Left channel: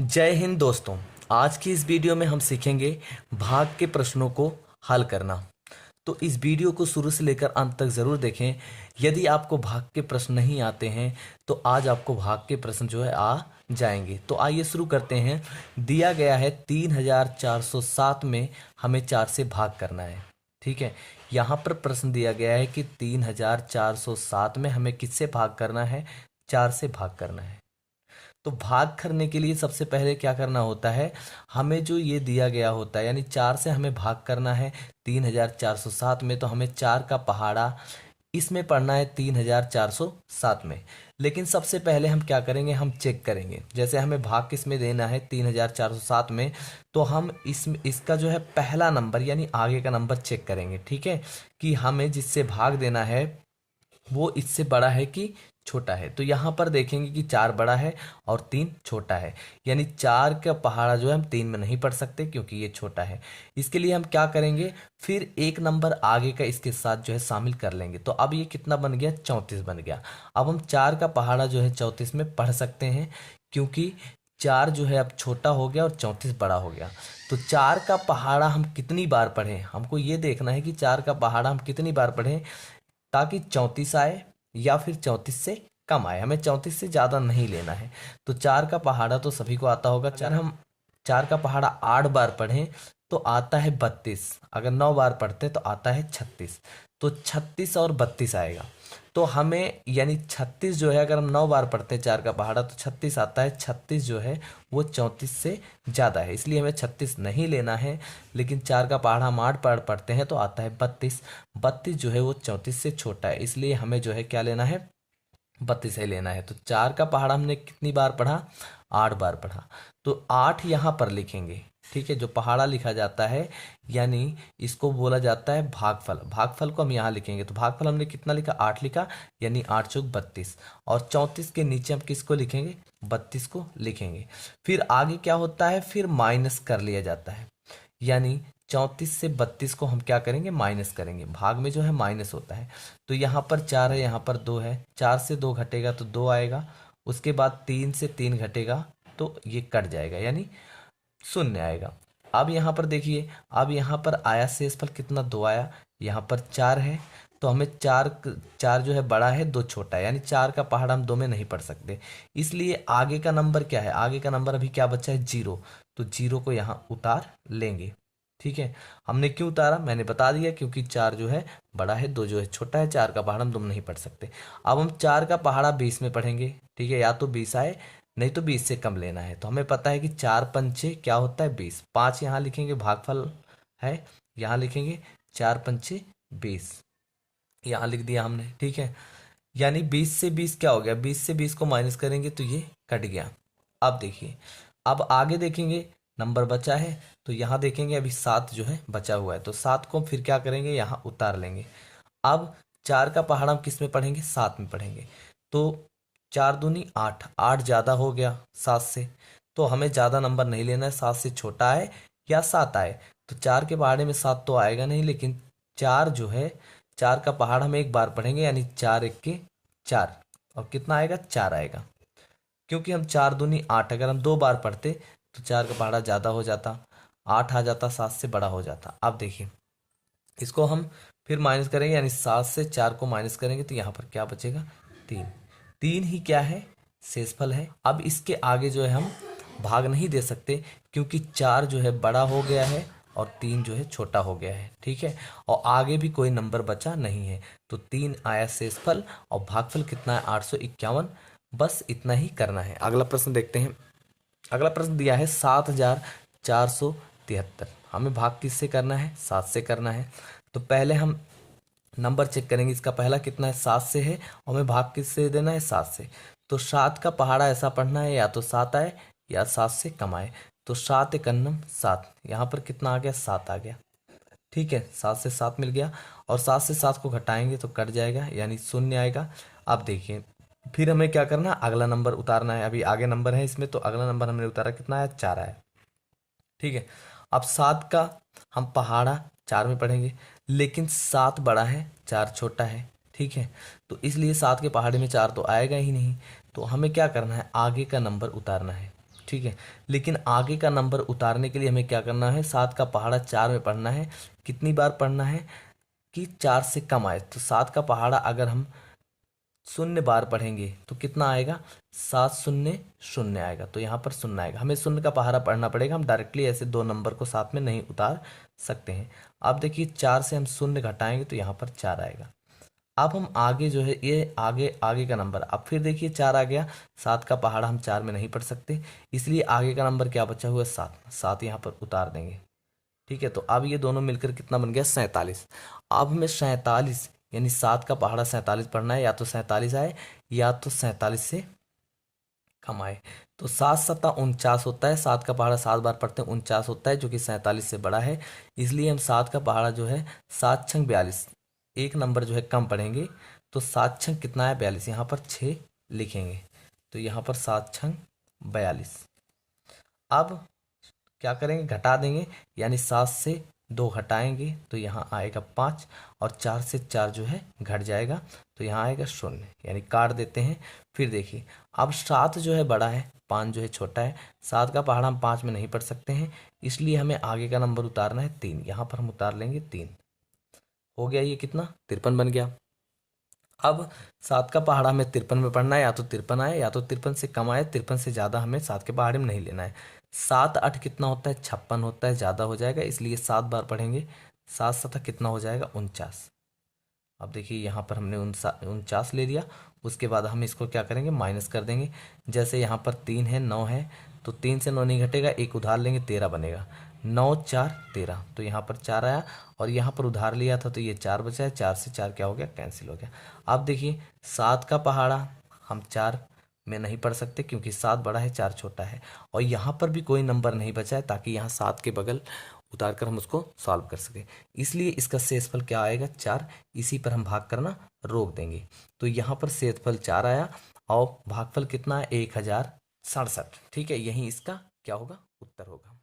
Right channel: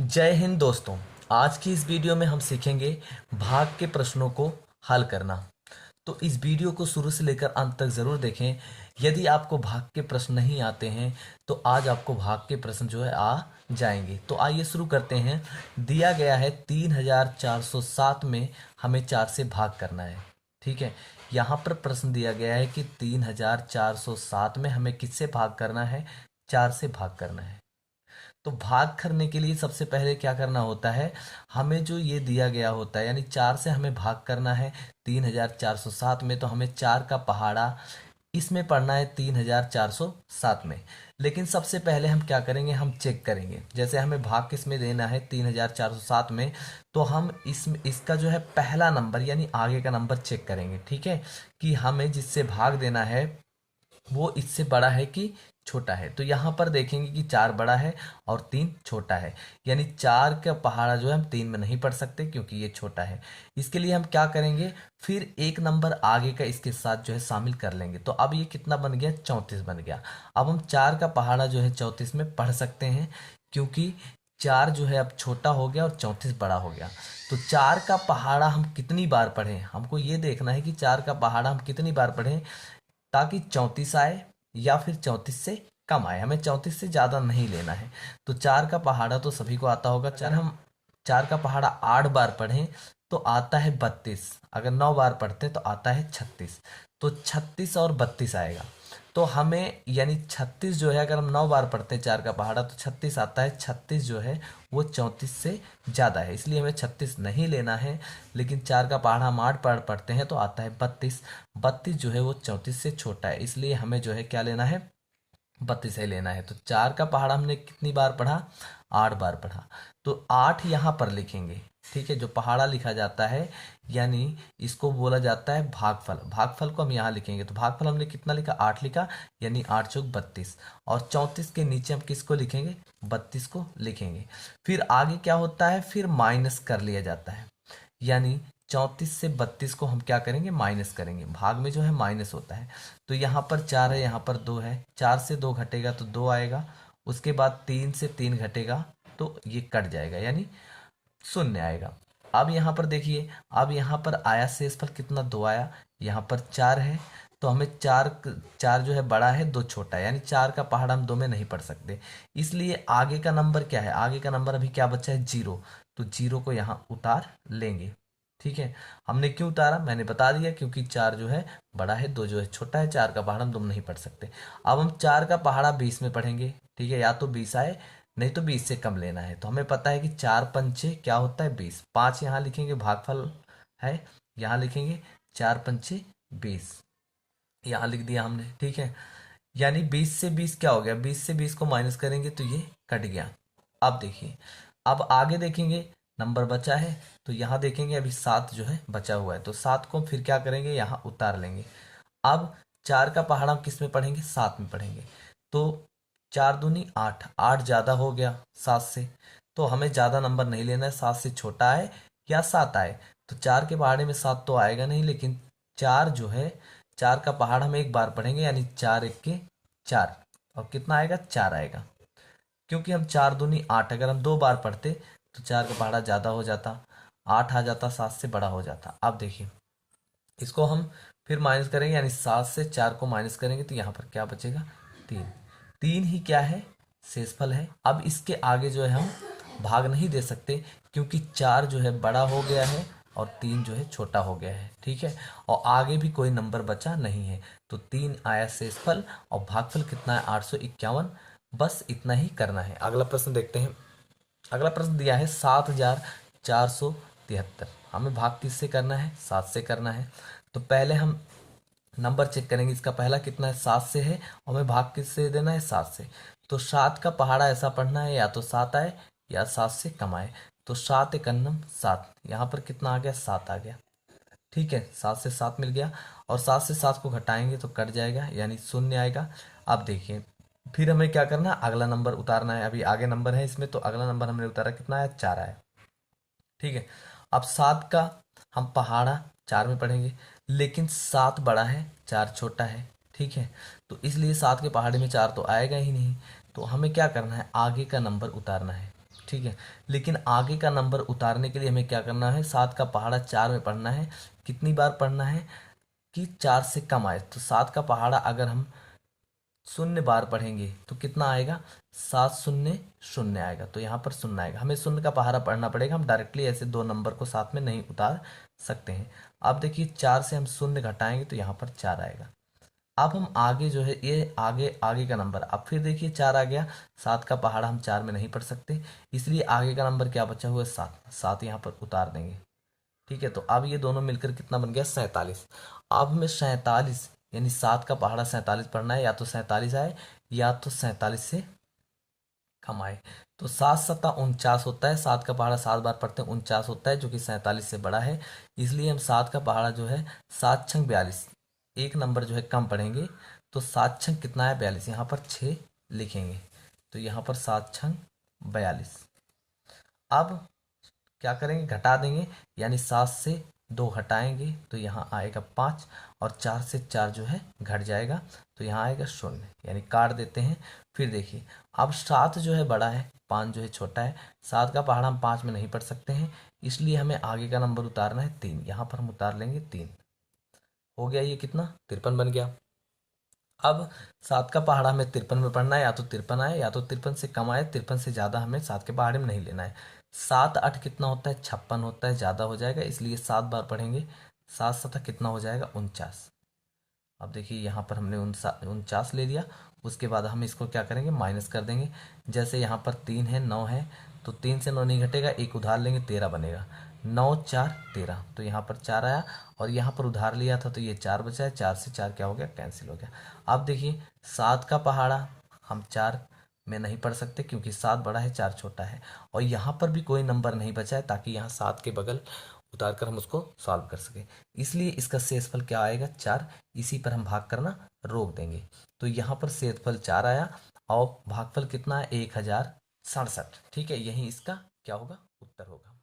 जय हिंद दोस्तों। आज की इस वीडियो में हम सीखेंगे भाग के प्रश्नों को हल करना। तो इस वीडियो को शुरू से लेकर अंत तक जरूर देखें। यदि आपको भाग के प्रश्न नहीं आते हैं तो आज आपको भाग के प्रश्न जो है आ जाएंगे। तो आइए शुरू करते हैं। दिया गया है 3407 में हमें 4 से भाग करना है। ठीक है, यहाँ पर प्रश्न दिया गया है कि 3407 में हमें किससे भाग करना है? 4 से भाग करना है। तो भाग करने के लिए सबसे पहले क्या करना होता है? हमें जो ये दिया गया होता है यानी 4 से हमें भाग करना है 3407 में, तो हमें 4 का पहाड़ा इसमें पढ़ना है 3407 में। लेकिन सबसे पहले हम क्या करेंगे, हम चेक करेंगे। जैसे हमें भाग किस में देना है 3407 में, तो हम इसका जो है पहला नंबर यानी आगे का नंबर चेक करेंगे। ठीक है, कि हमें जिससे भाग देना है वो इससे बड़ा है कि छोटा है। तो यहाँ पर देखेंगे कि 4 बड़ा है और 3 छोटा है, यानी 4 का पहाड़ा जो है हम 3 में नहीं पढ़ सकते क्योंकि ये छोटा है। इसके लिए हम क्या करेंगे, फिर एक नंबर आगे का इसके साथ जो है शामिल कर लेंगे। तो अब ये कितना बन गया? 34 बन गया। अब हम 4 का पहाड़ा जो है 34 में पढ़ सकते हैं क्योंकि 4 जो है अब छोटा हो गया और 34 बड़ा हो गया। तो 4 का पहाड़ा हम कितनी बार पढ़ें, हमको ये देखना है कि 4 का पहाड़ा हम कितनी बार पढ़ें ताकि 34 आए या फिर 34 से कम आए। हमें 34 से ज़्यादा नहीं लेना है। तो 4 का पहाड़ा तो सभी को आता होगा। चार हम 4 का पहाड़ा 8 बार पढ़ें तो आता है 32। अगर 9 बार पढ़ते तो आता है 36। तो 36 और 32 आएगा। तो हमें यानी 36 जो है, अगर हम 9 बार पढ़ते हैं 4 का पहाड़ा तो 36 आता है। 36 जो है वो 34 से ज़्यादा है, इसलिए हमें 36 नहीं लेना है। लेकिन 4 का पहाड़ा हम 8 बार पढ़ते हैं तो आता है 32। 32 जो है वो 34 से छोटा है, इसलिए हमें जो है क्या लेना है? 32 है लेना है। तो 4 का पहाड़ा हमने कितनी बार पढ़ा? 8 बार पढ़ा। तो 8 यहाँ पर लिखेंगे। ठीक है, जो पहाड़ा लिखा जाता है यानी इसको बोला जाता है भागफल। भागफल को हम यहाँ लिखेंगे। तो भागफल हमने कितना लिखा? 8 लिखा, यानी 8 चौक 32। और 34 के नीचे हम किसको लिखेंगे? 32 को लिखेंगे। फिर आगे क्या होता है? फिर माइनस कर लिया जाता है, यानी 34 से 32 को हम क्या करेंगे? माइनस करेंगे। भाग में जो है माइनस होता है। तो यहाँ पर 4 है, यहाँ पर 2 है। 4 से 2 घटेगा तो 2 आएगा। उसके बाद 3 से 3 घटेगा तो ये कट जाएगा, यानी शून्य आएगा। अब यहाँ पर देखिए, अब यहाँ पर आया शेषफल कितना? 2 आया। यहाँ पर 4 है तो हमें 4 4 जो है बड़ा है, 2 छोटा है, यानी 4 का पहाड़ा हम 2 में नहीं पढ़ सकते। इसलिए आगे का नंबर क्या है? आगे का नंबर अभी क्या बचा है? 0। तो 0 को यहाँ उतार लेंगे। ठीक है, हमने क्यों उतारा मैंने बता दिया, क्योंकि 4 जो है बड़ा है, 2 जो है छोटा है। 4 का पहाड़ा हम 2 में नहीं पढ़ सकते। अब हम 4 का पहाड़ा 20 में पढ़ेंगे। ठीक है, या तो 20 आए नहीं तो 20 से कम लेना है। तो हमें पता है कि 4 पंचे क्या होता है? 20। 5 यहाँ लिखेंगे, भागफल है, यहाँ लिखेंगे 4 पंचे 20, यहाँ लिख दिया हमने। ठीक है, यानी 20 से 20 क्या हो गया? 20 से 20 को माइनस करेंगे तो ये कट गया। अब देखिए, अब आगे देखेंगे नंबर बचा है तो यहाँ देखेंगे अभी 7 जो है बचा हुआ है। तो 7 को फिर क्या करेंगे? यहाँ उतार लेंगे। अब 4 का पहाड़ा हम किस में पढ़ेंगे? 7 में पढ़ेंगे। तो 4 दूनी 8, 8 ज़्यादा हो गया 7 से। तो हमें ज़्यादा नंबर नहीं लेना है, 7 से छोटा आए या 7 आए। तो 4 के पहाड़े में 7 तो आएगा नहीं, लेकिन 4 जो है, 4 का पहाड़ हम एक बार पढ़ेंगे, यानी 4 एक के 4। और कितना आएगा? 4 आएगा। क्योंकि हम 4 दूनी 8, अगर हम 2 बार पढ़ते तो 4 का पहाड़ा ज़्यादा हो जाता, 8 आ जाता, 7 से बड़ा हो जाता। अब देखिए, इसको हम फिर माइनस करेंगे, यानी 7 से 4 को माइनस करेंगे तो यहाँ पर क्या बचेगा? 3। 3 ही क्या है? शेषफल है। अब इसके आगे जो है हम भाग नहीं दे सकते क्योंकि 4 जो है बड़ा हो गया है और 3 जो है छोटा हो गया है। ठीक है, और आगे भी कोई नंबर बचा नहीं है। तो 3 आया शेषफल और भागफल कितना है? 851। बस इतना ही करना है। अगला प्रश्न देखते हैं। अगला प्रश्न दिया है 7473। हमें भाग किससे करना है? 7 से करना है। तो पहले हम नंबर चेक करेंगे, इसका पहला कितना है? 7 से है और हमें भाग किससे देना है? 7 से। तो 7 का पहाड़ा ऐसा पढ़ना है, या तो 7 आए या 7 से कम आए। तो 7 एकन्नम 7, यहाँ पर कितना आ गया? 7 आ गया। ठीक है, 7 से 7 मिल गया और 7 से 7 को घटाएंगे तो कट जाएगा, यानी शून्य आएगा। अब देखिए, फिर हमें क्या करना है? अगला नंबर उतारना है। अभी आगे नंबर है इसमें, तो अगला नंबर हमने उतारा, कितना आया? 4 आया। ठीक है, अब 7 का हम पहाड़ा 4 में पढ़ेंगे, लेकिन 7 बड़ा है, 4 छोटा है। ठीक है, तो इसलिए 7 के पहाड़े में 4 तो आएगा ही नहीं। तो हमें क्या करना है? आगे का नंबर उतारना है। ठीक है। लेकिन आगे का नंबर उतारने के लिए हमें क्या करना है, 7 का पहाड़ा 4 में पढ़ना है। कितनी बार पढ़ना है कि 4 से कम आए। तो 7 का पहाड़ा अगर हम 0 बार पढ़ेंगे तो कितना आएगा, 7 शून्य शून्य आएगा। तो यहाँ पर शून्य आएगा, हमें 0 का पहाड़ा पढ़ना पड़ेगा। हम डायरेक्टली ऐसे दो नंबर को साथ में नहीं उतार सकते हैं। अब देखिए 4 से हम 0 घटाएंगे तो यहाँ पर 4 आएगा। अब हम आगे जो है ये आगे आगे का नंबर, अब फिर देखिए 4 आ गया। 7 का पहाड़ा हम 4 में नहीं पढ़ सकते, इसलिए आगे का नंबर क्या बचा हुआ है, 7। 7 यहाँ पर उतार देंगे। ठीक है, तो अब ये दोनों मिलकर कितना बन गया, 47। अब हमें 47 यानी 7 का पहाड़ा 47 पढ़ना है, या तो 47 आए या तो 47 से कम आए। तो 7 सत्ता 49 होता है, 7 का पहाड़ा 7 बार पढ़ते हैं 49 होता है, जो कि 47 से बड़ा है। इसलिए हम 7 का पहाड़ा जो है 7 छंग 42, एक नंबर जो है कम पढ़ेंगे। तो 7 छंग कितना है, 42। यहाँ पर 6 लिखेंगे, तो यहाँ पर 7 छंग 42। अब क्या करेंगे, घटा देंगे, यानी 7 से 2 घटाएंगे तो यहाँ आएगा 5, और 4 से 4 जो है घट जाएगा तो यहाँ आएगा 0, यानी काट देते हैं। फिर देखिए अब 7 जो है बड़ा है, 5 जो है छोटा है। 7 का पहाड़ा हम 5 में नहीं पढ़ सकते हैं, इसलिए हमें आगे का नंबर उतारना है 3। यहाँ पर हम उतार लेंगे 3। हो गया, ये कितना, 53 बन गया। अब 7 का पहाड़ा हमें 53 में पढ़ना है, या तो 53 आए या तो 53 से कम आए। 53 से ज़्यादा हमें 7 के पहाड़े में नहीं लेना है। 7 8 कितना होता है, 56 होता है, ज़्यादा हो जाएगा, इसलिए 7 बार पढ़ेंगे। 7 7 कितना हो जाएगा, 49। अब देखिए यहाँ पर हमने 49 ले लिया। उसके बाद हम इसको क्या करेंगे, माइनस कर देंगे। जैसे यहाँ पर 3 है 9 है, तो 3 से 9 नहीं घटेगा, एक उधार लेंगे 13 बनेगा। 9 4 13, तो यहाँ पर 4 आया, और यहाँ पर उधार लिया था तो ये 4 बचा है। 4 से 4 क्या हो गया, कैंसिल हो गया। अब देखिए 7 का पहाड़ा हम 4 में नहीं पढ़ सकते, क्योंकि 7 बड़ा है 4 छोटा है, और यहाँ पर भी कोई नंबर नहीं बचा है, ताकि यहाँ 7 के बगल उतार कर हम उसको सॉल्व कर सके। इसलिए इसका शेषफल क्या आएगा, 4। इसी पर हम भाग करना रोक देंगे। तो यहाँ पर शेषफल 4 आया, और भागफल कितना है, 1067। ठीक है, यही इसका क्या होगा, उत्तर होगा।